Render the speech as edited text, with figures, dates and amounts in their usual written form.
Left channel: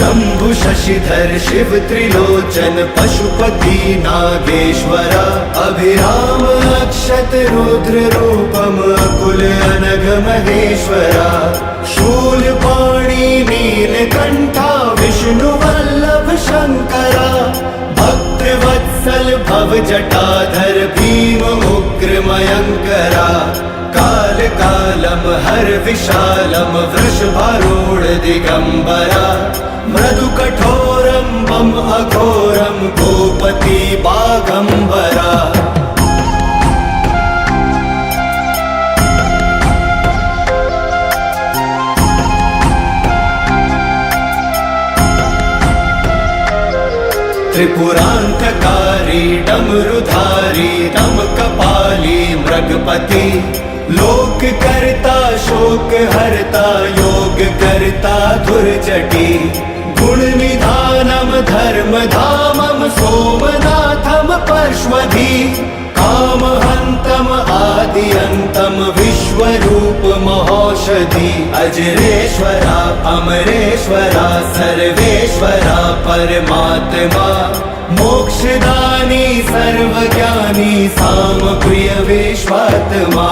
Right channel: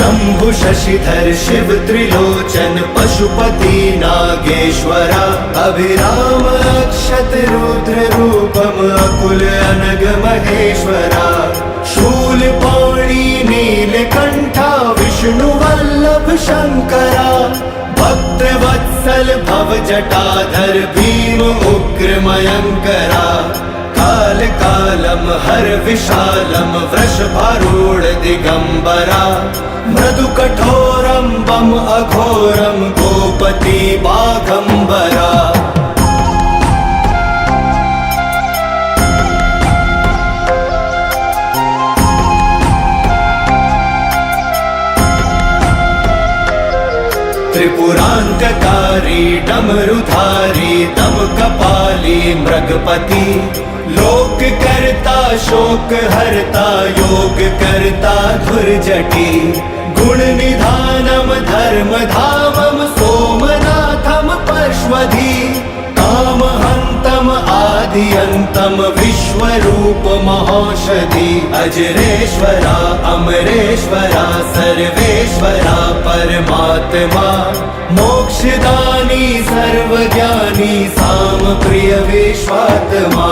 शंभु शशिधर शिव त्रिलोचन पशुपति नागेश्वरा अभिराम अक्षत रुद्र रूपम अकुल अनग महेश्वरा शूलपाणि नीलकंठा विष्णु वल्लभ शंकरा भक्त वत्सल भव जटाधर भीम उग्र मयंकरा काल कालम हर विशालम वृषभारूढ़ दिगंबरा मृदु कठोरम बम अघोरम गोपति बागंबरा त्रिपुरांतकारी डमरुधारी दम कपाली मृगपति लोक करता शोक हरता योग करता धुर्जटी गुण निधानम धर्म धामम सोमनाथम परश्वधी काम हंतम आदि अंतम विश्वरूप महौषधि अजरेश्वरा अमरेश्वरा सर्वेश्वरा परमात्मा मोक्षदानी सर्वज्ञानी साम प्रिय विश्वात्मा।